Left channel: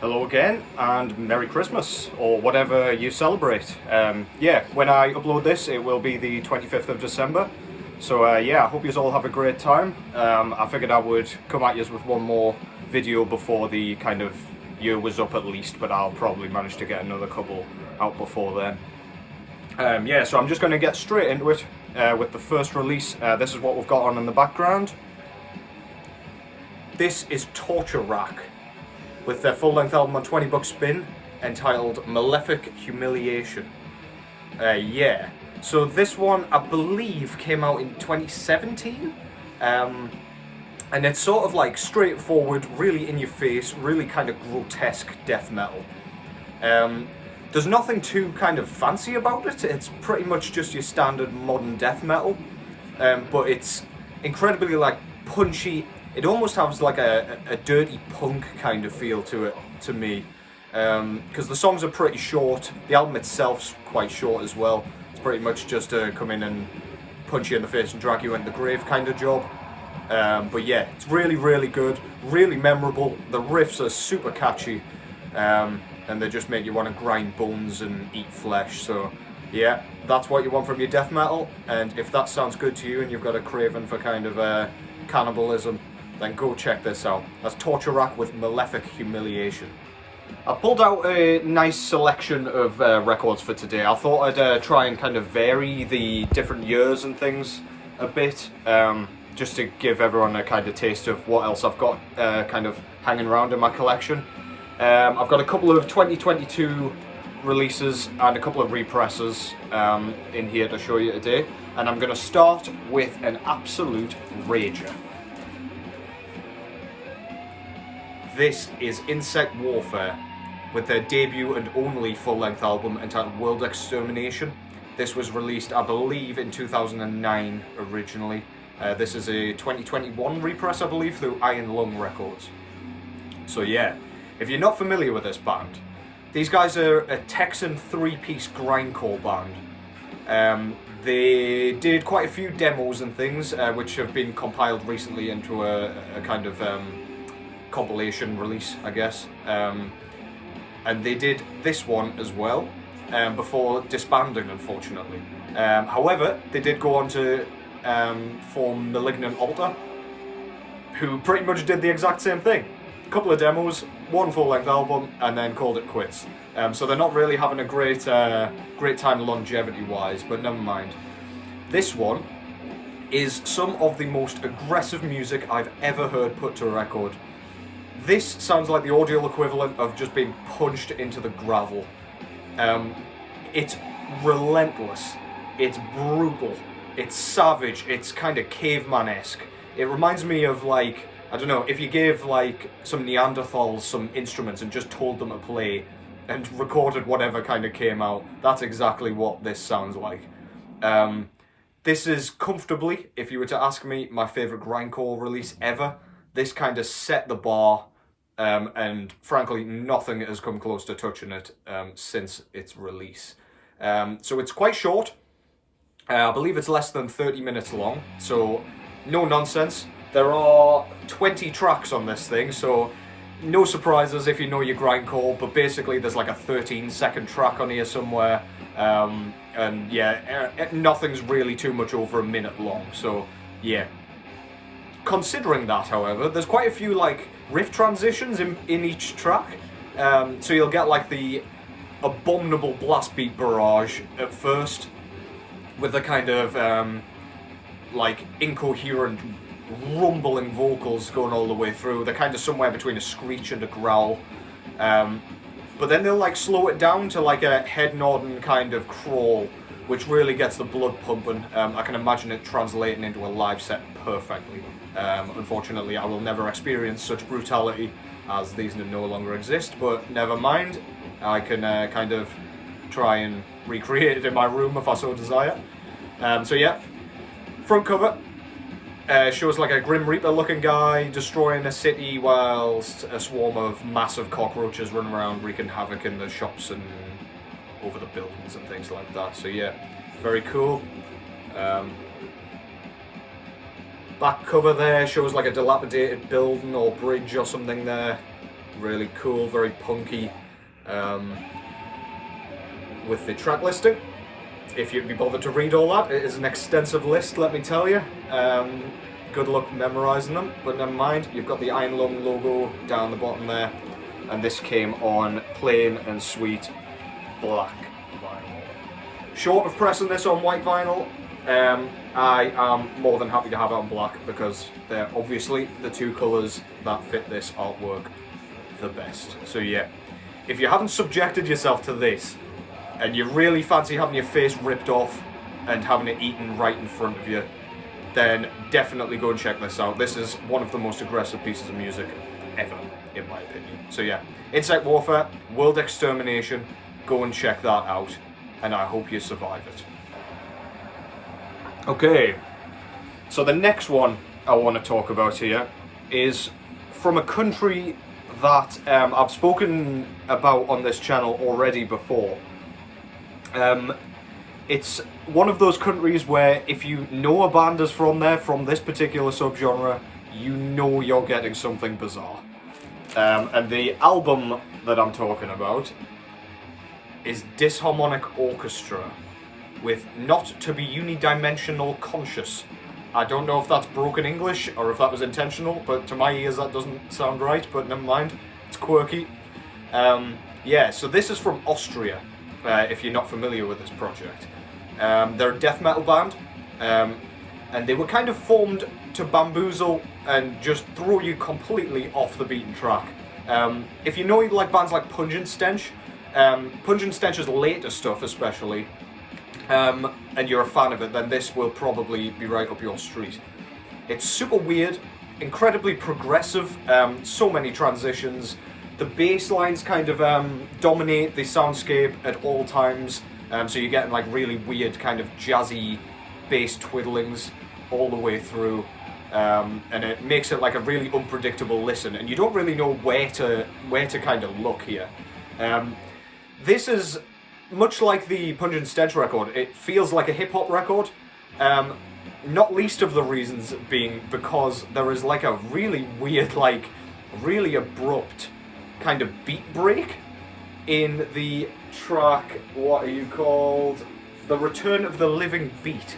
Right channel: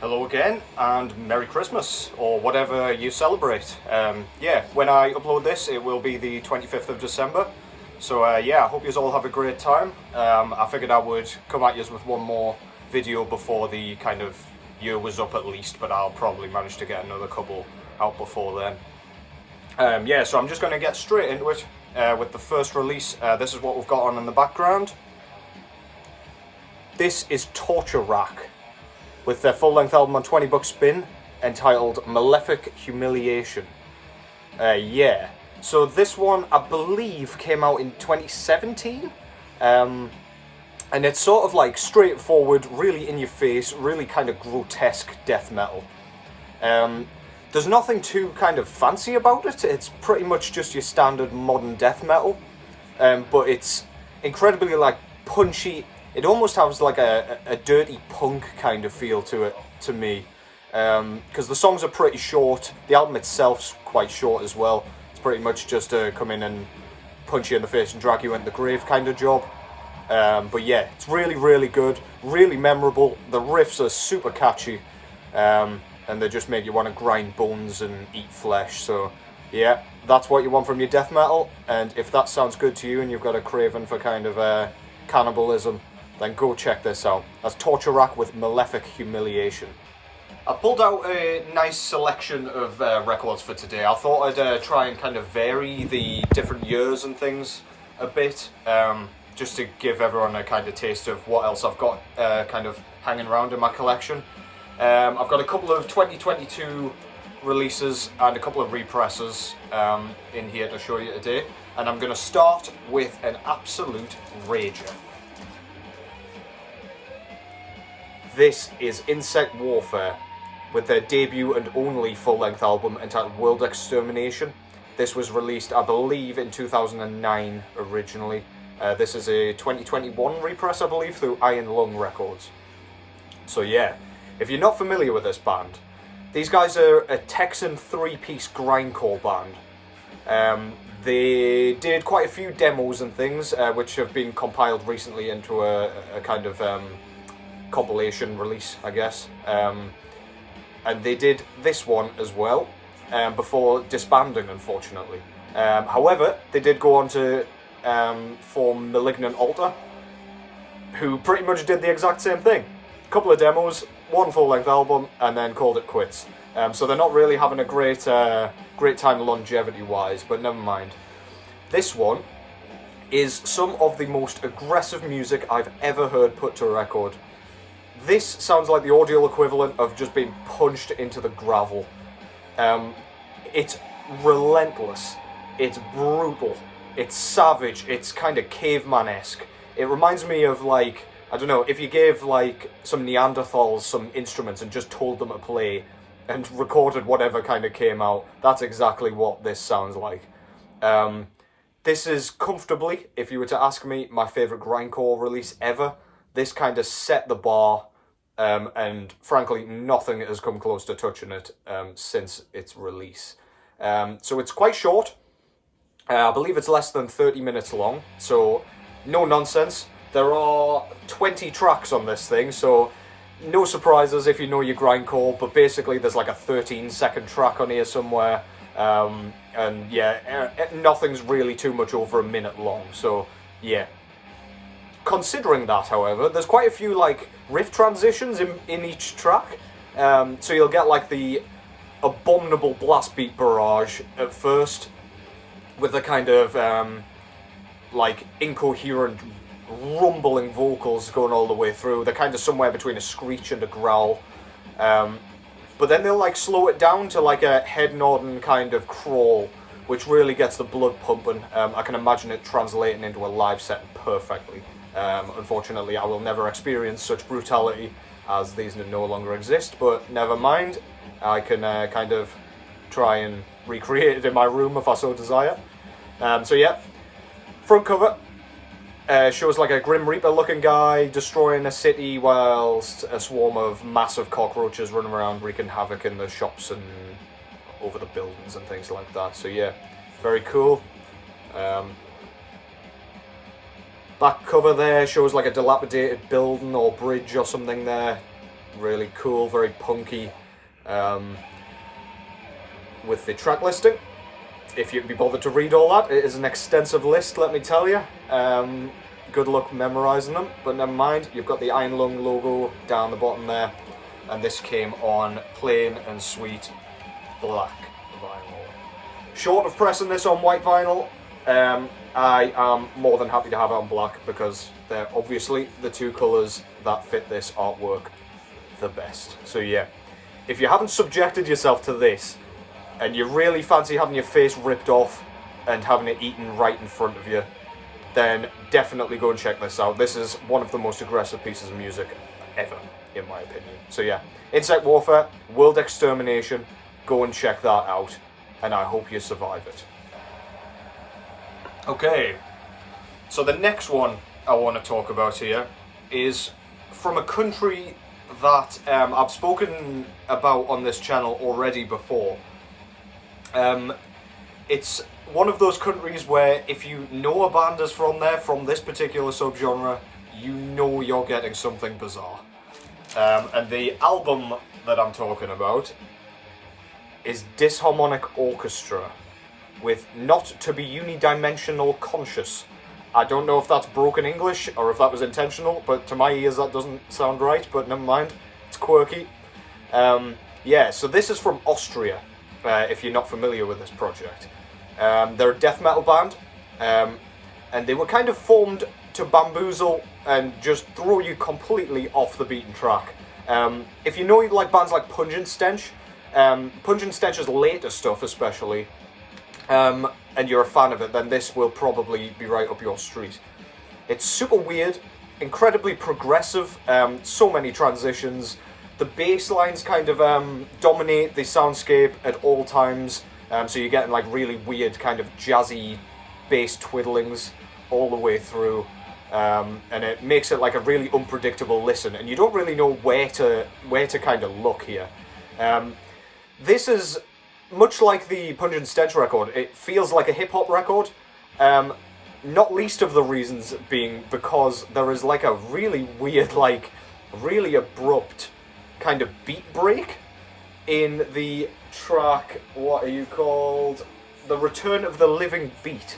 Hello again, and Merry Christmas, or whatever you celebrate. Yeah, when I upload this, it will be the 25th of December. So yeah, I hope you all have a great time. I figured I would come at you with one more video before the kind of year was up at least, but I'll probably manage to get another couple out before then. Yeah, so I'm just going to get straight into it with the first release. This is what we've got on in the background. This is Torture Rack, with their full-length album on 20 Buck Spin, entitled Malefic Humiliation. Yeah, so this one, I believe, came out in 2017, and it's sort of like straightforward, really in-your-face, really kind of grotesque death metal. There's nothing too kind of fancy about it. It's pretty much just your standard modern death metal, but it's incredibly like punchy. It almost has like a dirty punk kind of feel to it, to me, because the songs are pretty short. The album itself's quite short as well. It's pretty much just to come in and punch you in the face and drag you into the grave kind of job. But yeah, it's really, really good, really memorable. The riffs are super catchy, and they just make you want to grind bones and eat flesh. So yeah, that's what you want from your death metal. And if that sounds good to you and you've got a craving for kind of cannibalism, then go check this out. That's Torture Rack with Malefic Humiliation. I pulled out a nice selection of records for today. I thought I'd try and kind of vary the different years and things a bit, just to give everyone a kind of taste of what else I've got kind of hanging around in my collection. I've got a couple of 2022 releases and a couple of represses in here to show you today. And I'm going to start with an absolute rager. This is Insect Warfare, with their debut and only full-length album entitled Extermination. This was released, I believe, in 2009 originally. This is a 2021 repress, I believe, through Iron Lung Records. So yeah, if you're not familiar with this band, these guys are a Texan three-piece grindcore band. They did quite a few demos and things, which have been compiled recently into a kind of compilation release, I guess, and they did this one as well before disbanding, unfortunately. However, they did go on to form Malignant Altar, who pretty much did the exact same thing. A couple of demos, one full-length album, and then called it quits. So they're not really having a great time longevity-wise, but never mind. This one is some of the most aggressive music I've ever heard put to a record. This sounds like the audio equivalent of just being punched into the gravel. It's relentless, it's brutal, it's savage, it's kind of caveman-esque. It reminds me of, like, I don't know, if you gave like some Neanderthals some instruments and just told them to play and recorded whatever kind of came out, that's exactly what this sounds like. This is comfortably, if you were to ask me, my favourite grindcore release ever. This kind of set the bar, and frankly, nothing has come close to touching it since its release. So it's quite short. I believe it's less than 30 minutes long, so no nonsense. There are 20 tracks on this thing, so no surprises if you know your grindcore, but basically there's like a 13-second track on here somewhere, and yeah, nothing's really too much over a minute long, so yeah. Considering that, however, there's quite a few like riff transitions in each track, so you'll get like the abominable blast beat barrage at first, with the kind of like incoherent rumbling vocals going all the way through. They're kind of somewhere between a screech and a growl, but then they'll like slow it down to like a head nodding kind of crawl, which really gets the blood pumping. I can imagine it translating into a live set perfectly. Unfortunately, I will never experience such brutality, as these no longer exist, but never mind. I can kind of try and recreate it in my room if I so desire. So yeah, front cover shows like a Grim Reaper looking guy destroying a city whilst a swarm of massive cockroaches running around wreaking havoc in the shops and over the buildings and things like that. So yeah, very cool. Back cover there shows like a dilapidated building or bridge or something there. Really cool, very punky, with the track listing. If you'd be bothered to read all that, it is an extensive list, let me tell you. Good luck memorising them, but never mind. You've got the Iron Lung logo down the bottom there, and this came on plain and sweet black vinyl. Short of pressing this on white vinyl, I am more than happy to have it on black because they're obviously the two colours that fit this artwork the best. So yeah, if you haven't subjected yourself to this, and you really fancy having your face ripped off and having it eaten right in front of you, then definitely go and check this out. This is one of the most aggressive pieces of music ever, in my opinion. So yeah, Insect Warfare, World Extermination, go and check that out, and I hope you survive it. Okay, so the next one I want to talk about here is from a country that I've spoken about on this channel already before. It's one of those countries where if you know a band is from there, from this particular subgenre, you know you're getting something bizarre. And the album that I'm talking about is Disharmonic Orchestra with Not to Be Unidimensional Conscious. I don't know if that's broken English or if that was intentional, but to my ears that doesn't sound right, but never mind. It's quirky. Yeah, so this is from Austria. If you're not familiar with this project. They're a death metal band, and they were kind of formed to bamboozle and just throw you completely off the beaten track. If you know like bands like Pungent Stench, Pungent Stench's later stuff especially, and you're a fan of it, then this will probably be right up your street. It's super weird, incredibly progressive, so many transitions. The bass lines kind of dominate the soundscape at all times, so you're getting like really weird kind of jazzy bass twiddlings all the way through, and it makes it like a really unpredictable listen, and you don't really know where to kind of look here. This is much like the Pungent Stench record. It feels like a hip-hop record, not least of the reasons being because there is like a really weird, like really abrupt kind of beat break in the track, what are you called? The Return of the Living Beat.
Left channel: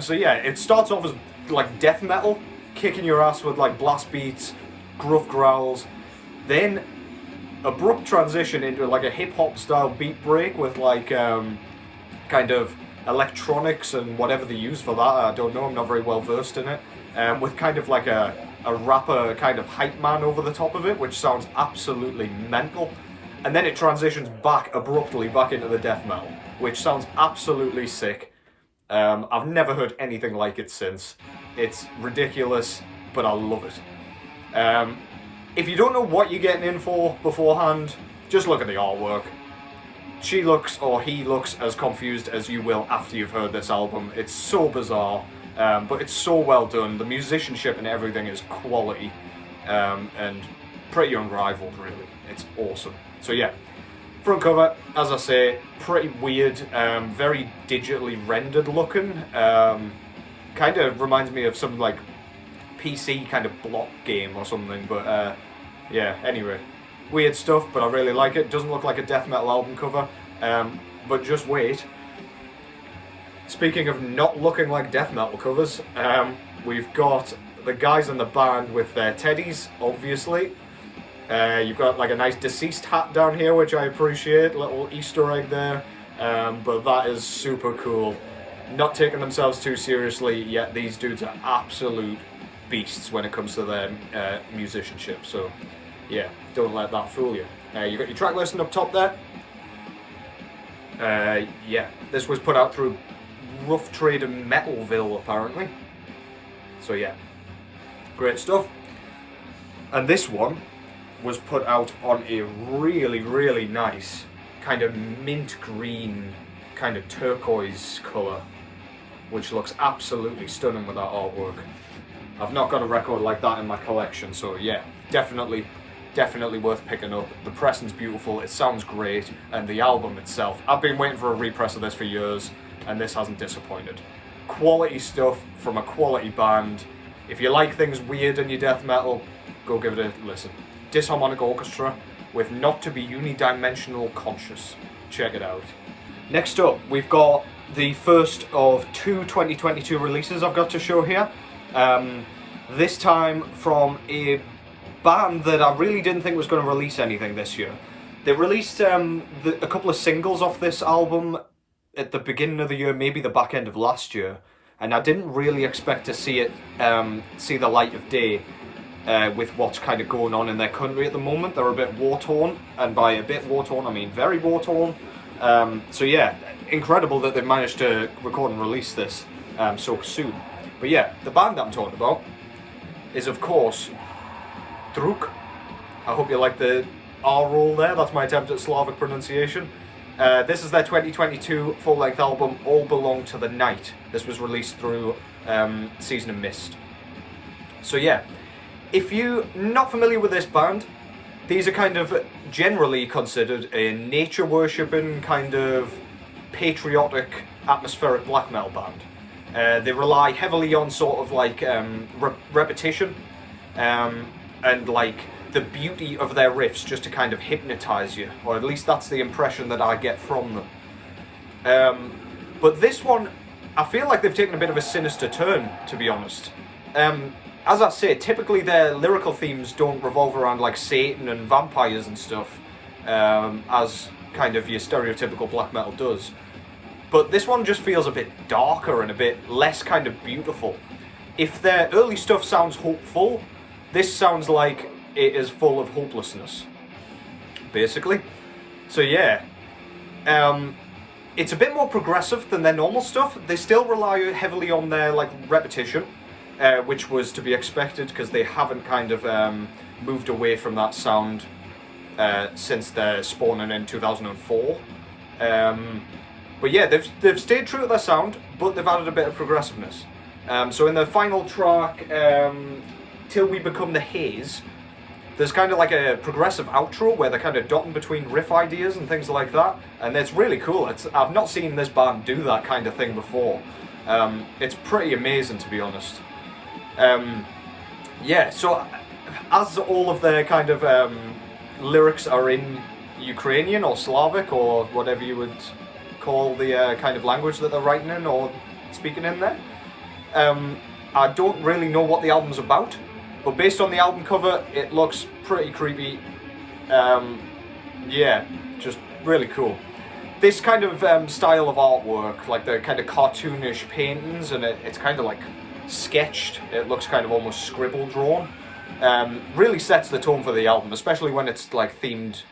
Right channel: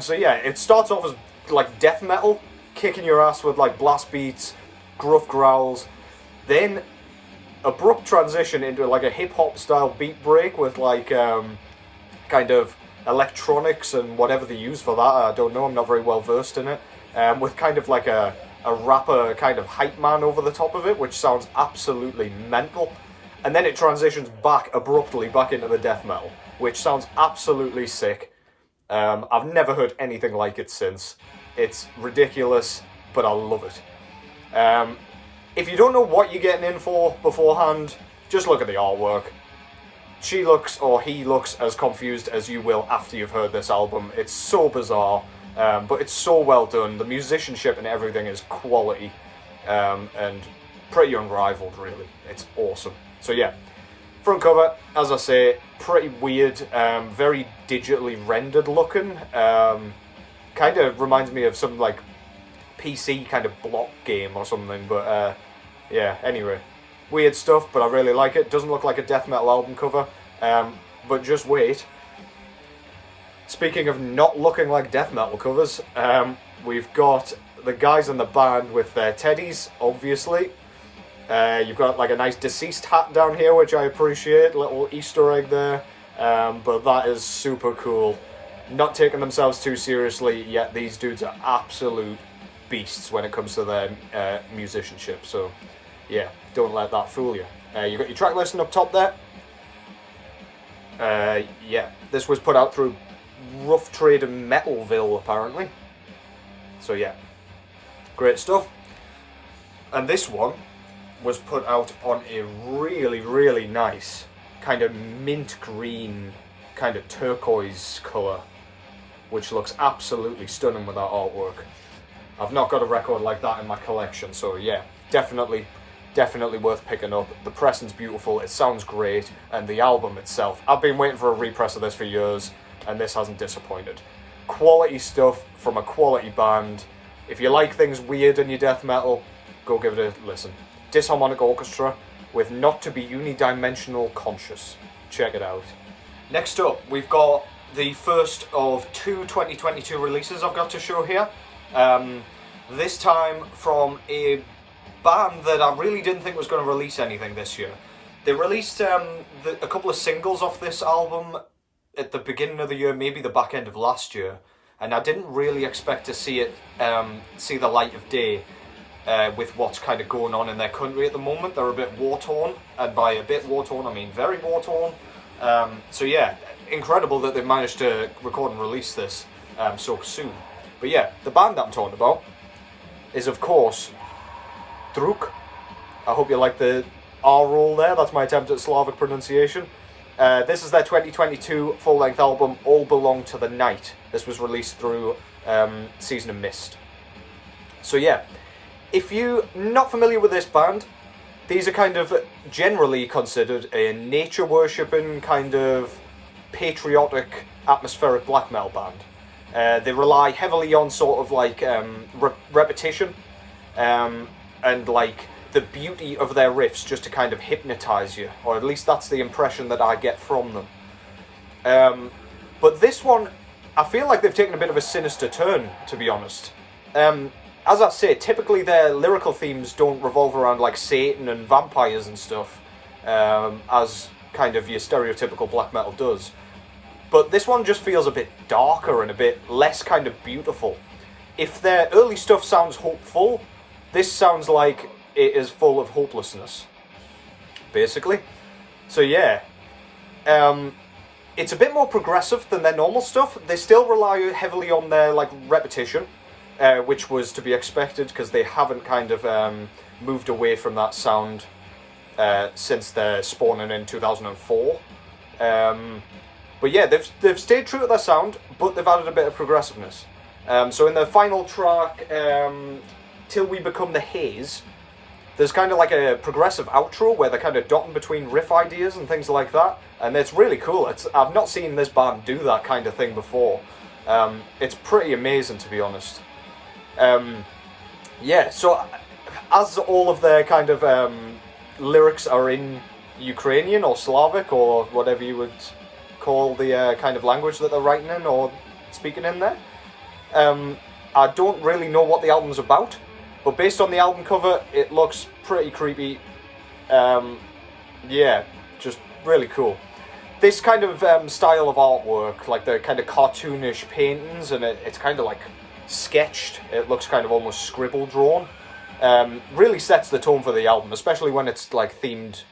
So yeah, it starts off as like death metal, kicking your ass with like blast beats, gruff growls, then abrupt transition into like a hip-hop style beat break with like kind of electronics and whatever they use for that, I don't know, I'm not very well versed in it, with kind of like a rapper kind of hype man over the top of it, which sounds absolutely mental. And then it transitions back abruptly back into the death metal, which sounds absolutely sick. I've never heard anything like it since. It's ridiculous, but I love it. If you don't know what you're getting in for beforehand, just look at the artwork. She looks, or he looks, as confused as you will after you've heard this album. It's so bizarre. But it's so well done. The musicianship and everything is quality, and pretty unrivaled, really. It's awesome. So yeah, front cover, as I say, pretty weird, very digitally rendered looking. Kind of reminds me of some like PC kind of block game or something. But yeah, anyway, weird stuff. But I really like it. Doesn't look like a death metal album cover. But just wait. Speaking of not looking like death metal covers, we've got the guys in the band with their teddies, obviously. You've got like a nice deceased hat down here, which I appreciate, little Easter egg there. But that is super cool. Not taking themselves too seriously, yet these dudes are absolute beasts when it comes to their musicianship. So yeah, don't let that fool you. You've got your track listing up top there. Yeah, this was put out through Rough Trade in Metalville, apparently. So yeah, great stuff. And this one was put out on a really, really nice kind of mint green, kind of turquoise colour, which looks absolutely stunning with that artwork. I've not got a record like that in my collection, so yeah, definitely worth picking up. The pressing's beautiful, it sounds great, and the album itself, I've been waiting for a repress of this for years, and this hasn't disappointed. Quality stuff from a quality band. If you like things weird in your death metal, go give it a listen. Disharmonic Orchestra with Not to Be Unidimensional Conscious. Check it out. Next up, we've got the first of two 2022 releases I've got to show here. This time from a band that I really didn't think was going to release anything this year. They released a couple of singles off this album at the beginning of the year, maybe the back end of last year, and I didn't really expect to see it see the light of day with what's kind of going on in their country at the moment. They're a bit war-torn, and by a bit war-torn I mean very war-torn. So yeah, incredible that they've managed to record and release this so soon. But yeah, the band that I'm talking about is of course Drudkh. I hope you like the R roll there, that's my attempt at Slavic pronunciation. This is their 2022 full-length album, All Belong to the Night. This was released through Season of Mist. So yeah, if you're not familiar with this band, these are kind of generally considered a nature-worshipping, kind of patriotic, atmospheric black metal band. They rely heavily on sort of like repetition and like the beauty of their riffs just to kind of hypnotise you, or at least that's the impression that I get from them. But this one, I feel like they've taken a bit of a sinister turn, to be honest. As I say, typically their lyrical themes don't revolve around like Satan and vampires and stuff, as kind of your stereotypical black metal does. But this one just feels a bit darker and a bit less kind of beautiful. If their early stuff sounds hopeful, this sounds like it is full of hopelessness, basically. So yeah, it's a bit more progressive than their normal stuff. They still rely heavily on their like repetition, which was to be expected because they haven't kind of moved away from that sound since their spawning in 2004. But yeah, they've stayed true to their sound, but they've added a bit of progressiveness. So in their final track, Till We Become the Haze, there's kind of like a progressive outro where they're kind of dotting between riff ideas and things like that, and it's really cool. I've not seen this band do that kind of thing before. It's pretty amazing, to be honest. Yeah, so as all of their kind of lyrics are in Ukrainian or Slavic or whatever you would call the kind of language that they're writing in or speaking in there, I don't really know what the album's about. But based on the album cover, it looks pretty creepy. Yeah, just really cool. This kind of style of artwork, like the kind of cartoonish paintings, and it's kind of like sketched. It looks kind of almost scribble drawn. Really sets the tone for the album, especially when it's like themed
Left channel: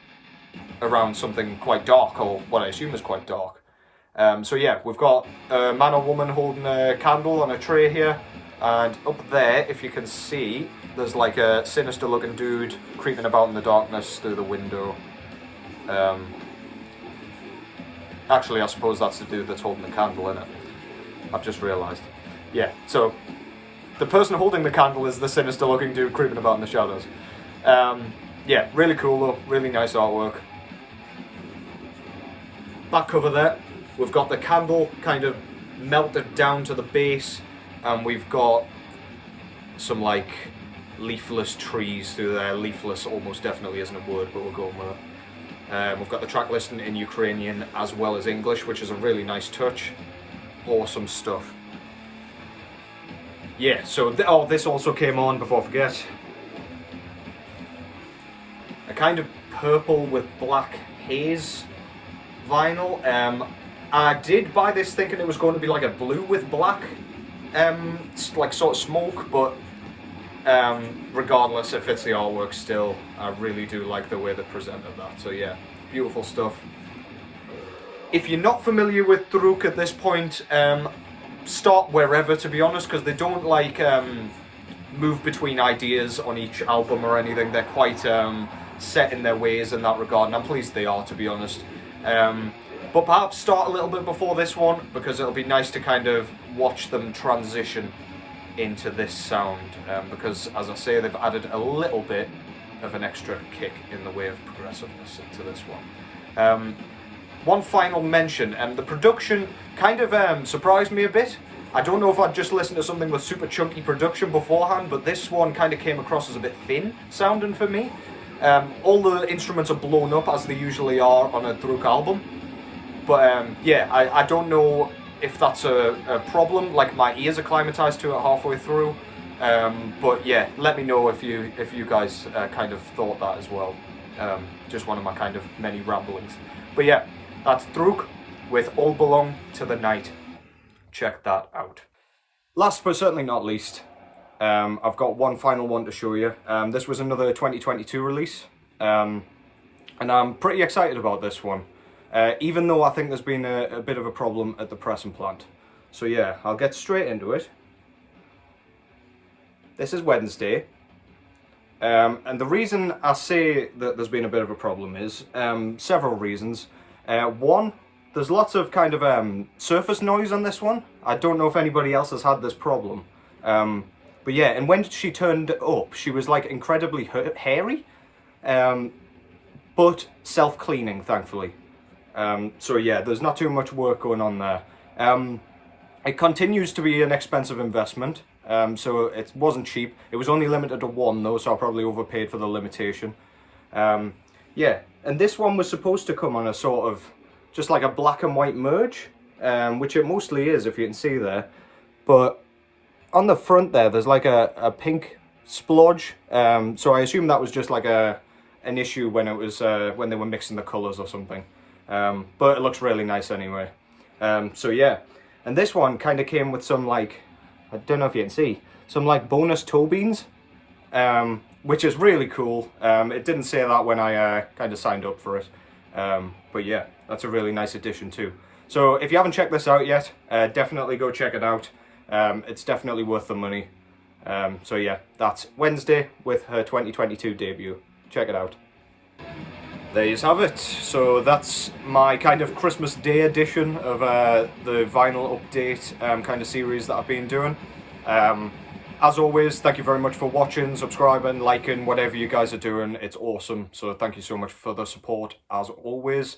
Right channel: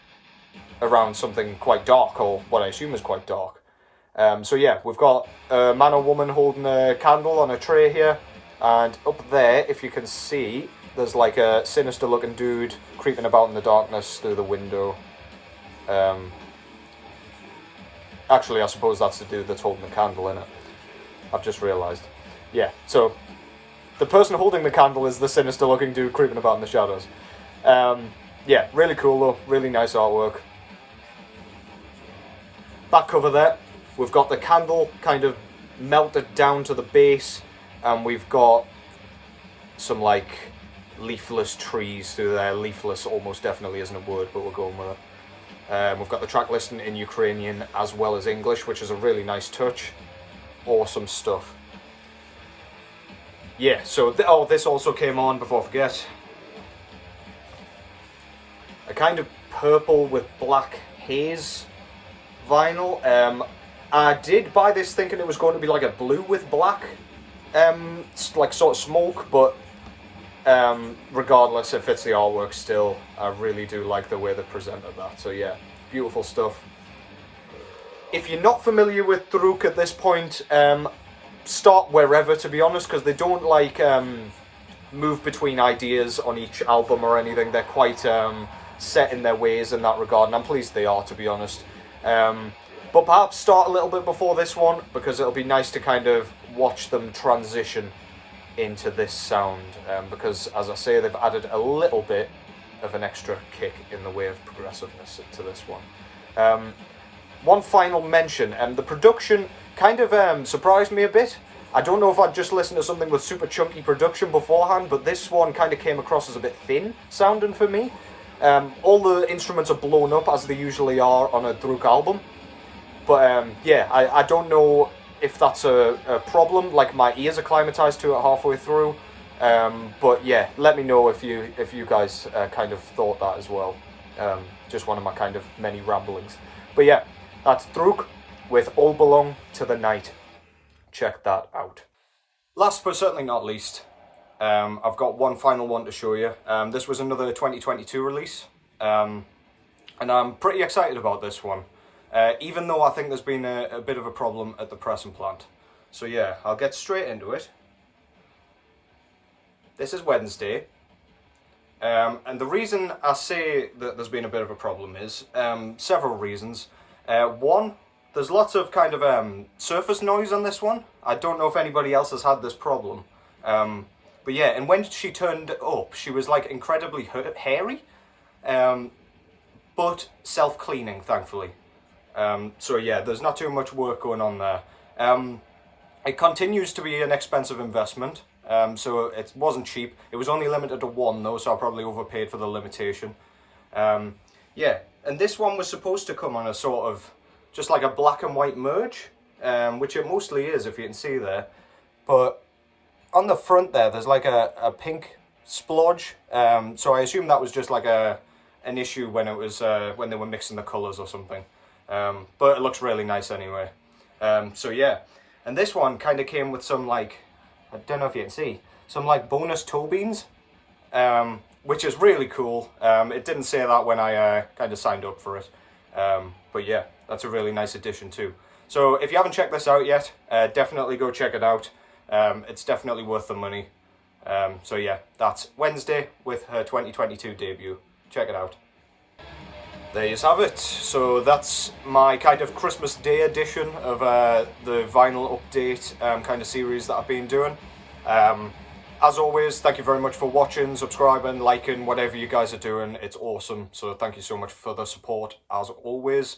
around something quite dark, or what I assume is quite dark. So yeah, we've got a man or woman holding a candle on a tray here, and up there, if you can see, there's like a sinister looking dude creeping about in the darkness through the window. Actually, I suppose that's the dude that's holding the candle, innit? I've just realised. Yeah, so the person holding the candle is the sinister looking dude creeping about in the shadows. Yeah, really cool though, really nice artwork. Back cover there, we've got the candle kind of melted down to the base, and we've got some like leafless trees through there. Leafless almost definitely isn't a word, but we're going with it. We've got the track listing in Ukrainian as well as English, which is a really nice touch. Awesome stuff. Yeah, so this also came on, before I forget, a kind of purple with black haze vinyl. I did buy this thinking it was going to be like a blue with black, like sort of smoke, but regardless, it fits the artwork still. I really do like the way they presented that. So yeah, beautiful stuff. If you're not familiar with Drudkh at this point, start wherever, to be honest, because they don't like move between ideas on each album or anything. They're quite set in their ways in that regard, and I'm pleased they are, to be honest. But perhaps start a little bit before this one, because it'll be nice to kind of watch them transition into this sound, because as I say, they've added a little bit of an extra kick in the way of progressiveness to this one. One final mention, the production kind of surprised me a bit. I don't know if I'd just listened to something with super chunky production beforehand, but this one kind of came across as a bit thin sounding for me. All the instruments are blown up as they usually are on a Drudkh album. But yeah, I don't know if that's a problem, like my ears acclimatized to it halfway through. But yeah, let me know if you guys kind of thought that as well. Just one of my kind of many ramblings. But yeah, that's Drudkh with All Belong to the Night. Check that out. Last but certainly not least, I've got one final one to show you. This was another 2022 release, and I'm pretty excited about this one, even though I think there's been a bit of a problem at the pressing plant. So yeah, I'll get straight into it. This is Wednesday, and the reason I say that there's been a bit of a problem is several reasons. One, there's lots of kind of surface noise on this one. I don't know if anybody else has had this problem. But yeah, and when she turned up, she was like incredibly hairy, but self-cleaning, thankfully. So yeah, there's not too much work going on there. It continues to be an expensive investment, so it wasn't cheap. It was only limited to one though, so I probably overpaid for the limitation. Yeah, and this one was supposed to come on a sort of, just like a black and white merge, which it mostly is, if you can see there. But on the front there, there's like a pink splodge. So I assume that was just like an issue when it was when they were mixing the colours or something. But it looks really nice anyway. So yeah, and this one kind of came with some like, I don't know if you can see, some like bonus toe beans, which is really cool. It didn't say that when I kind of signed up for it. But yeah, that's a really nice addition too. So if you haven't checked this out yet, definitely go check it out. It's definitely worth the money. So yeah, that's Wednesday with her 2022 debut. Check it out. There you have it. So that's my kind of Christmas Day edition of the vinyl update kind of series that I've been doing. As always, thank you very much for watching, subscribing, liking, whatever you guys are doing. It's awesome. So thank you so much for the support, as always.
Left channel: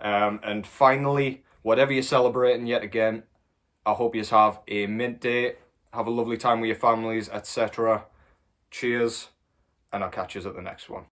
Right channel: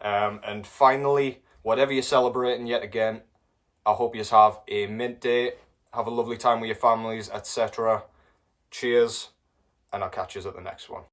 And finally, whatever you're celebrating yet again, I hope you have a mint day. Have a lovely time with your families, etc. Cheers, and I'll catch you at the next one.